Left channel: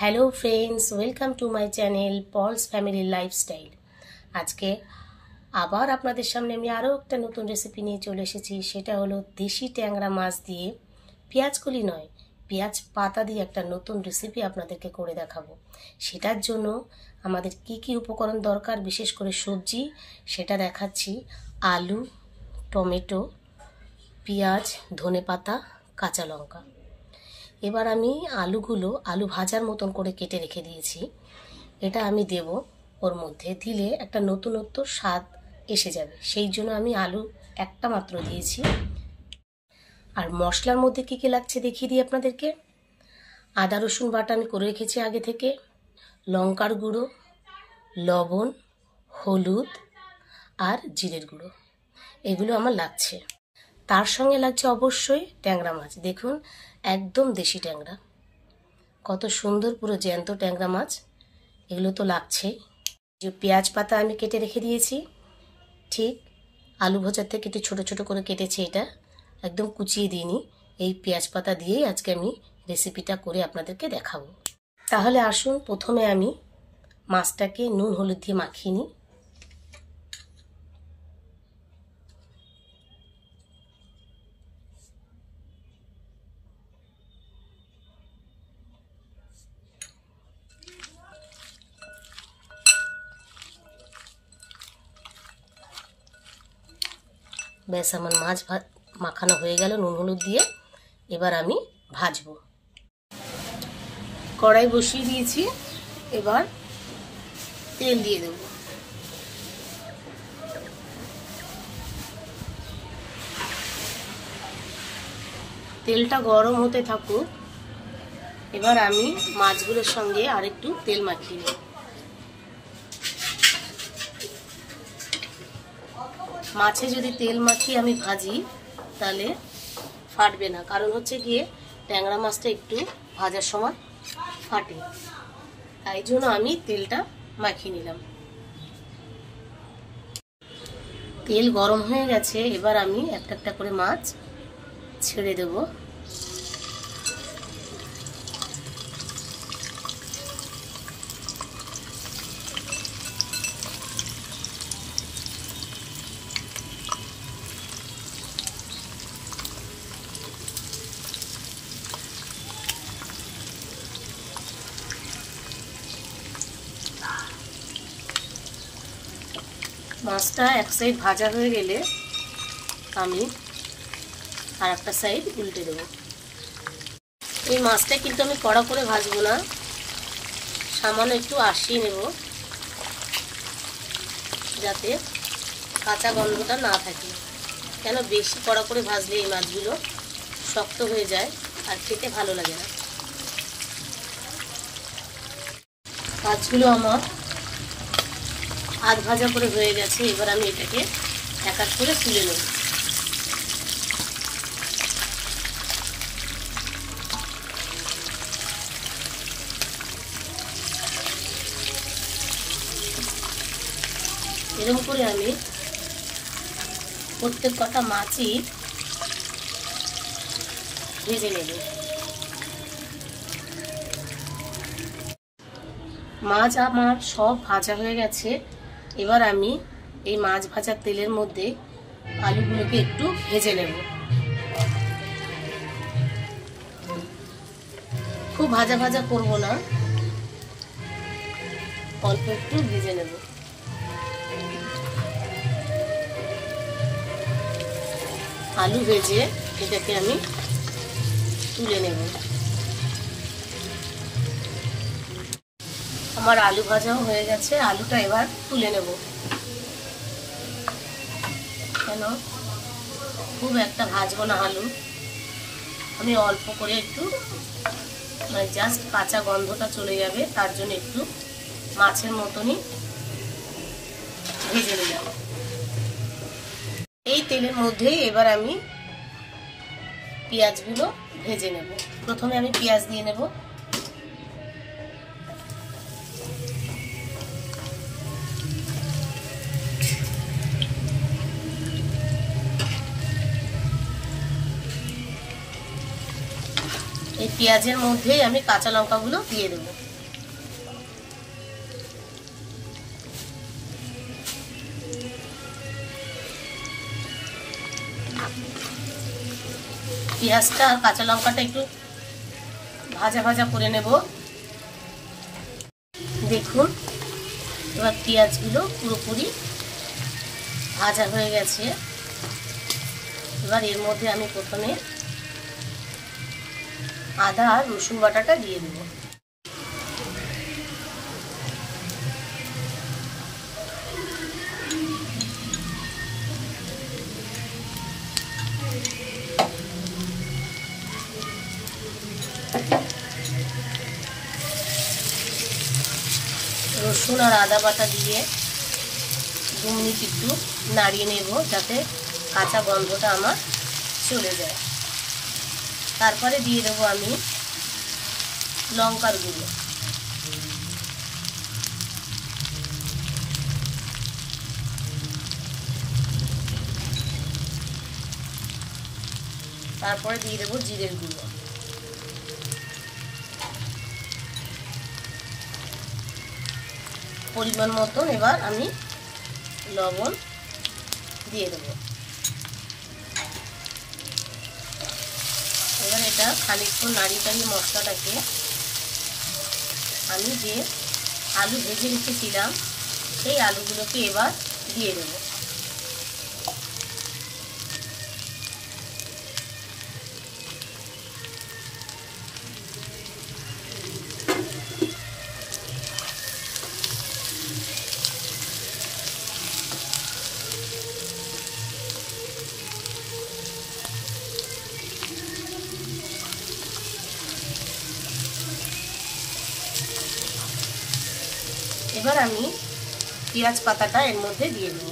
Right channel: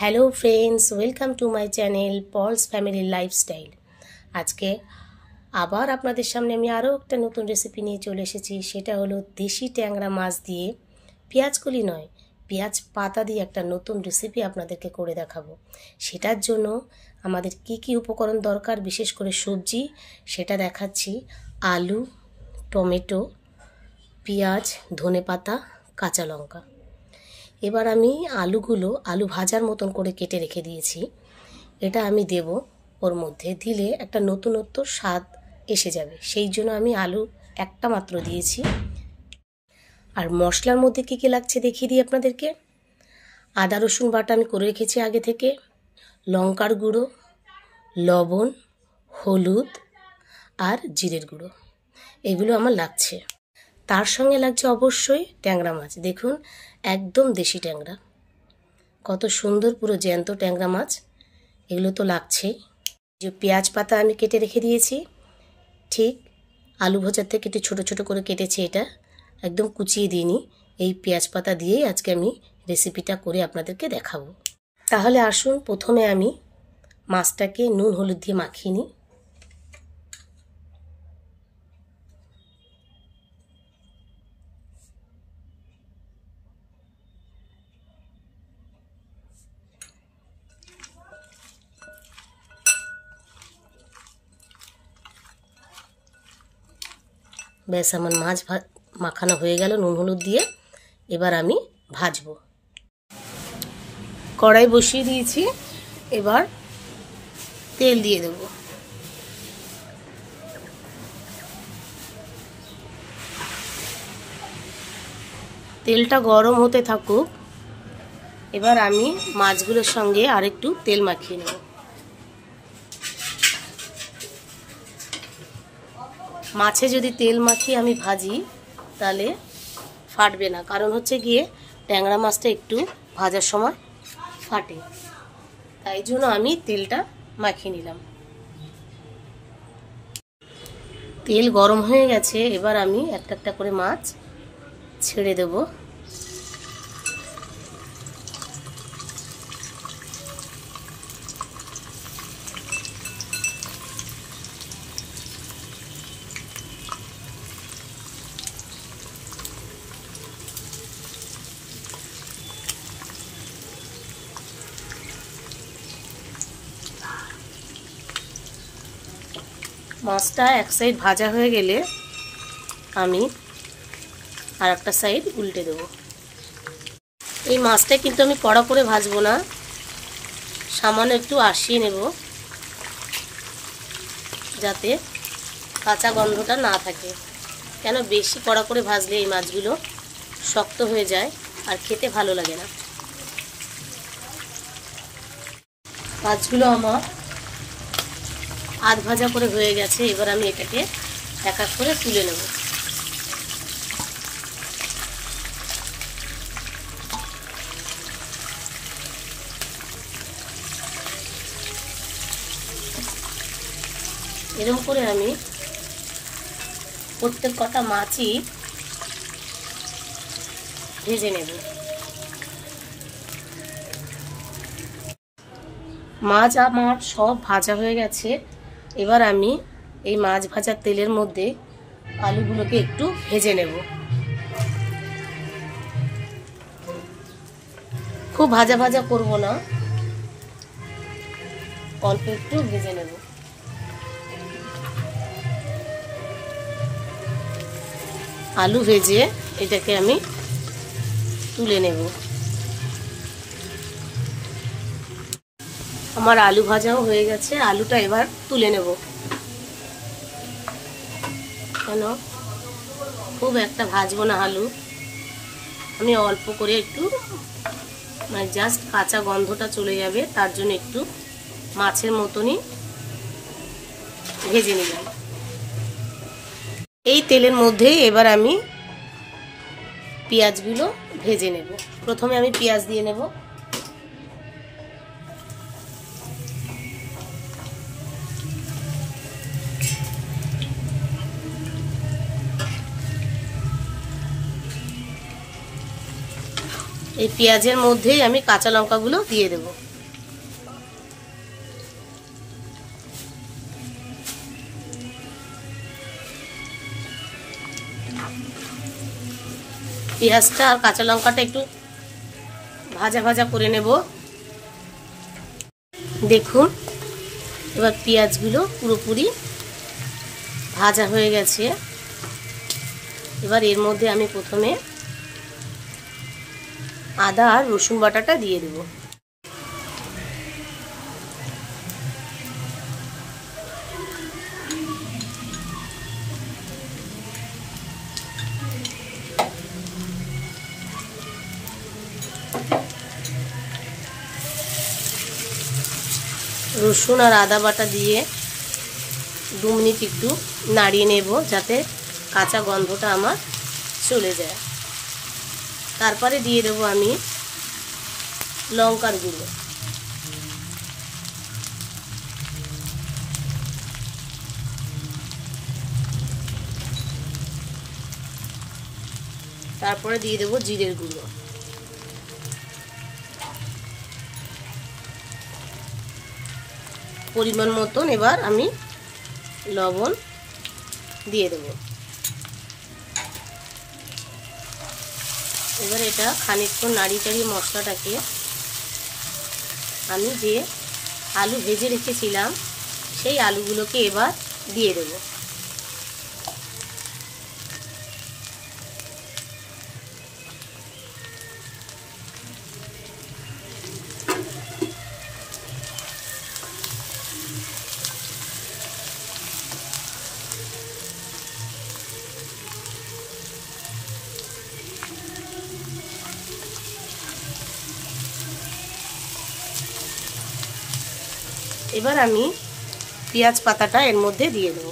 Hello friends, welcome to my channel Paul's family lifestyle. আজকে আবার আপনাদের সামনে আমি আরও একটা নতুন রেসিপি নিয়ে চলে এসেছি। সেটা হলো দেশি ট্যাংরা মাছ দিয়ে পেঁয়াজকলি নয়, পেঁয়াজ পাতা দিয়ে একটা নতুন রেসিপি আপনাদেরকে করে দেখাবো। সেটার জন্য আমাদের কি কি উপকরণ দরকার, বিশেষ করে সবজি, সেটা দেখাচ্ছি। আলু, টমেটো, পেঁয়াজ, ধনেপাতা, কাঁচা লঙ্কা। এবার আমি আলু ভাজার মতন করে কেটে রেখে দিয়েছি। এটা আমি দেব, ওর মধ্যে দিলে একটা নতুনত্ব স্বাদ এসে যাবে, সেই জন্য আমি আলু একটা মাত্র দিয়েছি। আর মশলার মধ্যে কী কী লাগছে দেখিয়ে দিই আপনাদেরকে। আদা রসুন বাটা আমি করে রেখেছি আগে থেকে, লঙ্কার গুঁড়ো, লবণ, হলুদ আর জিরের গুঁড়ো, এগুলো আমার লাগছে। তার সঙ্গে লাগছে অবশ্যই ট্যাংরা মাছ। দেখুন, একদম দেশি ট্যাংরা, কত সুন্দর, পুরো জ্যান্ত ট্যাংরা মাছ। এগুলো তো লাগছেই। যে পেঁয়াজ পাতা আমি কেটে রেখে দিয়েছি, ঠিক আলু ভাজার থেকে একটু ছোটো ছোটো করে কেটেছি, এটা একদম কুচিয়ে দিইনি। এই পেঁয়াজ পাতা দিয়েই আজকে আমি রেসিপিটা করে আপনাদেরকে দেখাবো। তাহলে আসুন, প্রথমে আমি মাছটাকে নুন হলুদ দিয়ে মাখিয়ে নিই। ব্যাস, আমার মাছ মাখানো হয়ে গেল নুন হলুদ দিয়ে। এবার আমি ভাজবো। কড়াই বসিয়ে দিয়েছি, এবার তেল দিয়ে দেব। তেলটা গরম হতে থাকুক। এবার আমি মাছগুলোর সঙ্গে আরেকটু তেল মাখিয়ে নেব। মাছে যদি তেল মাখিয়ে আমি ভাজি তাহলে ফাটবে না, কারণ হচ্ছে গিয়ে ট্যাংরা মাছটা একটু ভাজার সময় ফাটে, তাই জন্য আমি তেলটা মাখিয়ে নিলাম। তেল গরম হয়ে গেছে, এবার আমি একটা একটা করে মাছ ছেড়ে দেব। মাছটা এক সাইড ভাজা হয়ে গেলে আমি আর একটা সাইড উল্টে দেব। এই মাছটা কিন্তু আমি কড়া করে ভাজবো না, সামান্য একটু আঁশিয়ে নেব, যাতে কাঁচা গন্ধটা না থাকে। কেন বেশি কড়া করে ভাজলে এই মাছগুলো শক্ত হয়ে যায় আর খেতে ভালো লাগে না। মাছগুলো আমার আধ ভাজা করে হয়ে গেছে। এবার আমি এটাকে এক এক করে তুলে নেব। এরকম করে আমি প্রত্যেক কটা মাছই ভেজে নেব। মাছ আমার সব ভাজা হয়ে গেছে। এবার আমি এই মাছ ভাজার তেলের মধ্যে আলুগুলোকে একটু ভেজে নেব। খুব ভাজা ভাজা করব না, অল্প একটু ভেজে নেব। আলু ভেজে এটাকে আমি তুলে নেব। আমার আলু ভাজাও হয়ে গেছে, আলুটা এবার তুলে নেব। কেন খুব একটা ভাজবো না আলু, আমি অল্প করে একটু, মানে জাস্ট কাঁচা গন্ধটা চলে যাবে, তার জন্য একটু মাছের মতনই ভেজে নিলাম। এই তেলের মধ্যে এবার আমি পেঁয়াজগুলো ভেজে নেব। প্রথমে আমি পেঁয়াজ দিয়ে নেব। এই পেঁয়াজের মধ্যেই আমি কাঁচা লঙ্কাগুলো দিয়ে দেব। পেঁয়াজটা আর কাঁচা লঙ্কাটা একটু ভাজা ভাজা করে নেব। দেখুন এবার পেঁয়াজগুলো পুরোপুরি ভাজা হয়ে গেছে। এবার এর মধ্যে আমি প্রথমে আদা আর রসুন বাটাটা দিয়ে দেব। রসুন আর আদা বাটা দিয়ে 2 মিনিট একটু নাড়িয়ে নেব যাতে কাঁচা গন্ধটা আমার চলে যায়। তারপরে দিয়ে দেব আমি লঙ্কার গুঁড়ো। তারপরে দিয়ে দেব জিরের গুঁড়ো। পরিমাণ মতন এবার আমি লবণ দিয়ে দেব। এবার এটা খানিকক্ষণ নাড়িয়ে মশলাটাকে আমি যে আলু ভেজে রেখেছিলাম সেই আলুগুলোকে এবার দিয়ে দেব। এবার আমি পেঁয়াজ পাতাটা এর মধ্যে দিয়ে দেব।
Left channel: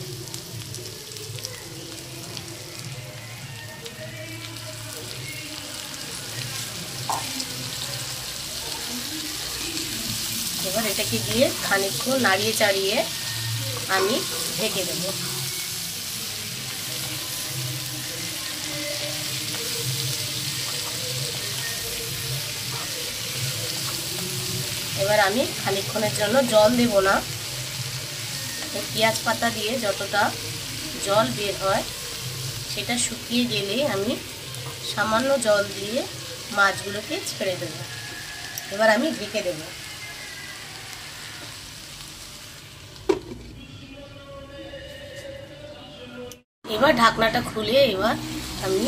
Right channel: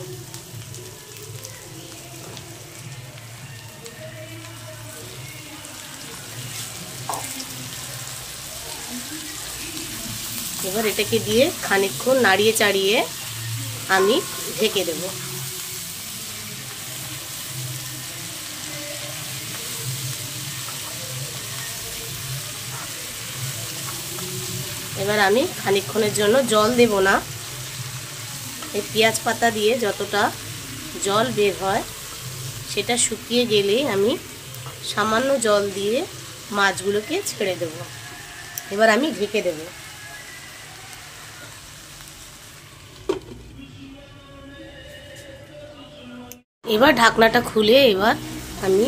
এবার এটাকে দিয়ে খানিকক্ষণ নাড়িয়ে চাড়িয়ে আমি ঢেকে দেব। এবার আমি খানিকক্ষণের জন্য জল দেব না। এই পেঁয়াজ পাতা দিয়ে যতটা জল বের হয় সেটা শুকিয়ে গেলেই আমি সামান্য জল দিয়ে মাছগুলোকে ছেড়ে দেব। এবার আমি ঢেকে দেব। এবার ঢাকনাটা খুলে এবার আমি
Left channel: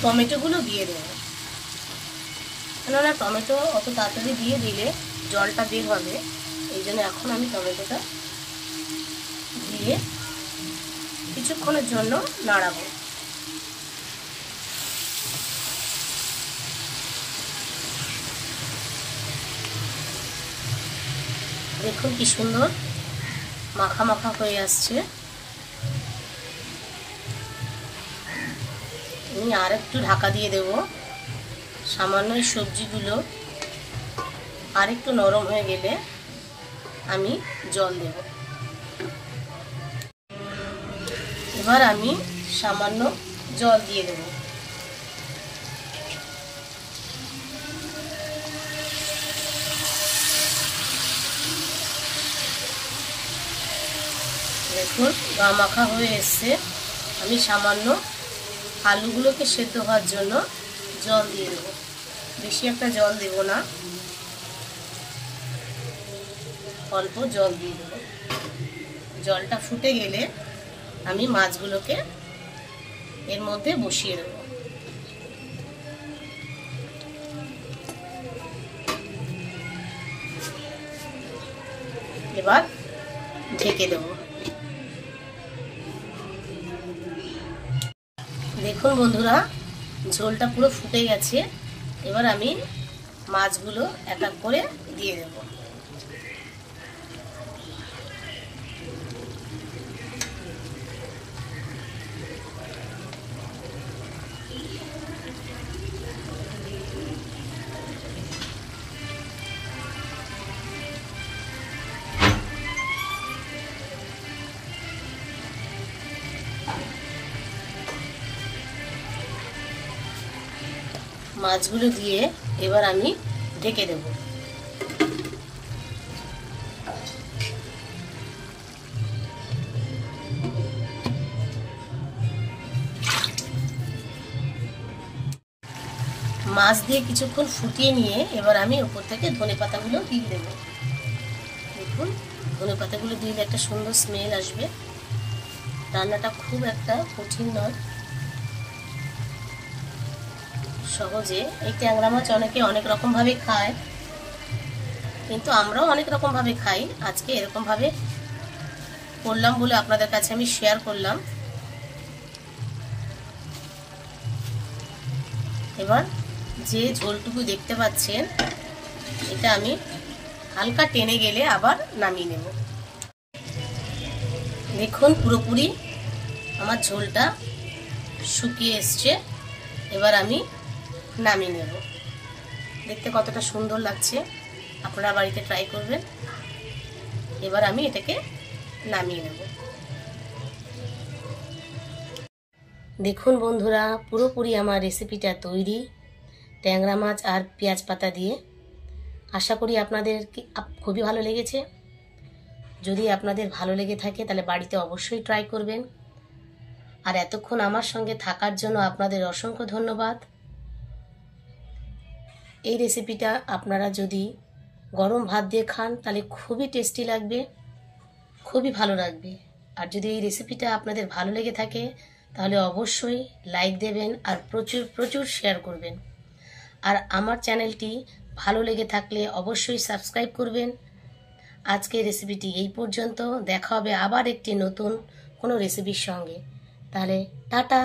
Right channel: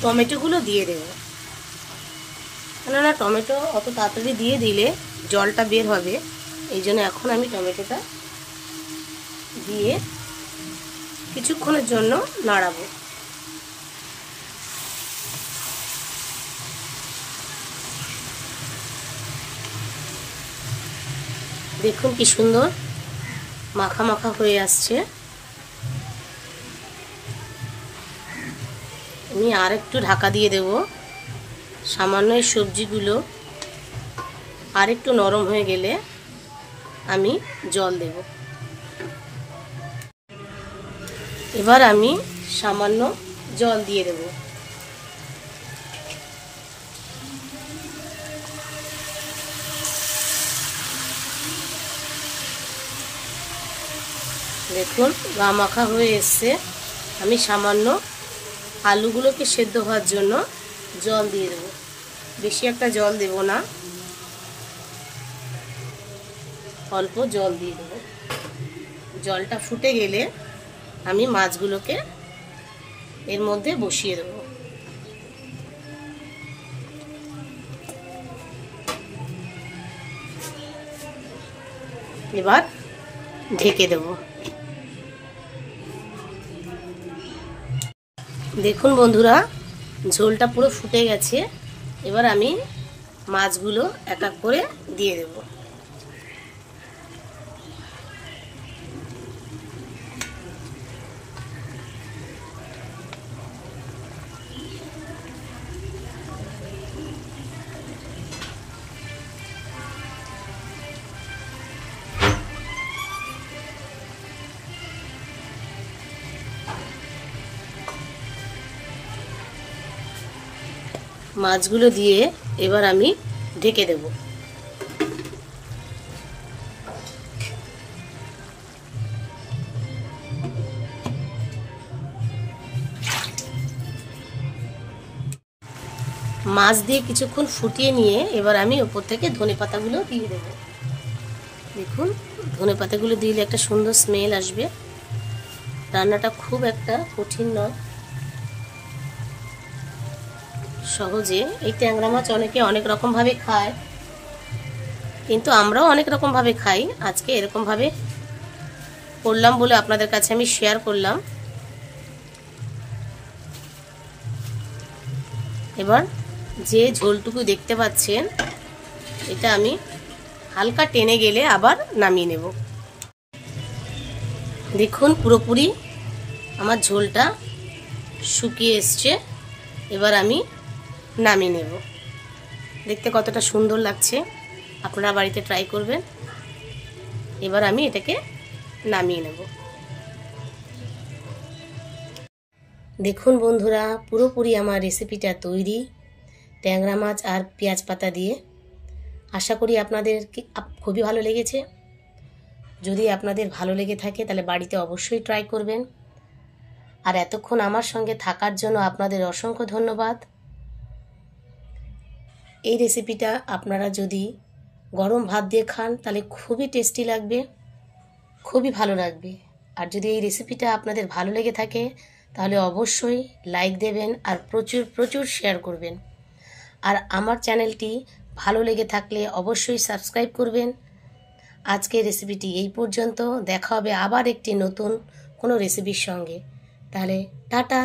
টমেটোগুলো দিয়ে দেব। কেননা টমেটো অত তাড়াতাড়ি দিয়ে দিলে জলটা বের হবে, এই জন্য এখন আমি টমেটোটা দিয়ে কিছুক্ষণের জন্য নাড়াবো। দেখুন কি সুন্দর মাখা মাখা হয়ে আসছে। আমি আর একটু ঢাকা দিয়ে দেব। সামান্য এই সবজিগুলো আর একটু নরম হয়ে গেলে আমি জল দেব। এবার আমি সামান্য জল দিয়ে দেব। দেখুন গা মাখা হয়ে এসছে। আমি সামান্য আলুগুলোকে সেদ্ধ হওয়ার জন্য জল দিয়ে দেব। বেশি একটা জল দেব না, অল্প জল দিয়ে দেব। জলটা ফুটে গেলে আমি মাছগুলোকে এর মধ্যে বসিয়ে দেব। এবার ঢেকে দেব। দেখুন বন্ধুরা ঝোলটা পুরো ফুটে গেছে। এবার আমি মাছগুলো এক এক করে দিয়ে দেব। মাছগুলো দিয়ে এবার আমি ঢেকে দেব। মাছ দিয়ে কিছুক্ষণ ফুটিয়ে নিয়ে এবার আমি উপর থেকে ধনেপাতাগুলো দিয়ে দেব। দেখুন, ধনেপাতাগুলো দিলে একটা সুন্দর স্মেল আসবে। রান্নাটা খুব একটা কঠিন নয়, সহজে। এই ট্যাংরা মাছ অনেকে অনেক রকম ভাবে খায়, কিন্তু আমরাও অনেক রকম ভাবে খাই। আজকে এরকম ভাবে করলাম বলে আপনাদের কাছে আমি শেয়ার করলাম। এবার যে ঝোলটুকু দেখতে পাচ্ছেন, এটা আমি হালকা টেনে গেলে আবার নামিয়ে নেব। দেখুন, পুরোপুরি আমার ঝোলটা শুকিয়ে এসছে। এবার আমি নামিয়ে নেব। দেখতে কতটা সুন্দর লাগছে, আপনারা বাড়িতে ট্রাই করবেন। এবার আমি এটাকে নামিয়ে নেব। দেখুন বন্ধুরা, পুরোপুরি আমার রেসিপিটা তৈরি, ট্যাংরা মাছ আর পেঁয়াজ পাতা দিয়ে। আশা করি আপনাদের খুবই ভালো লেগেছে। যদি আপনাদের ভালো লেগে থাকে তাহলে বাড়িতে অবশ্যই ট্রাই করবেন। আর এতক্ষণ আমার সঙ্গে থাকার জন্য আপনাদের অসংখ্য ধন্যবাদ। এই রেসিপিটা আপনারা যদি গরম ভাত দিয়ে খান তাহলে খুবই টেস্টি লাগবে, খুবই ভালো লাগবে। আর যদি এই রেসিপিটা আপনাদের ভালো লেগে থাকে তাহলে অবশ্যই লাইক দেবেন আর প্রচুর প্রচুর শেয়ার করবেন। আর আমার চ্যানেলটি ভালো লেগে থাকলে অবশ্যই সাবস্ক্রাইব করবেন। আজকের রেসিপিটি এই পর্যন্ত। দেখা হবে আবার একটি নতুন কোনো রেসিপির সঙ্গে। তাহলে টাটা।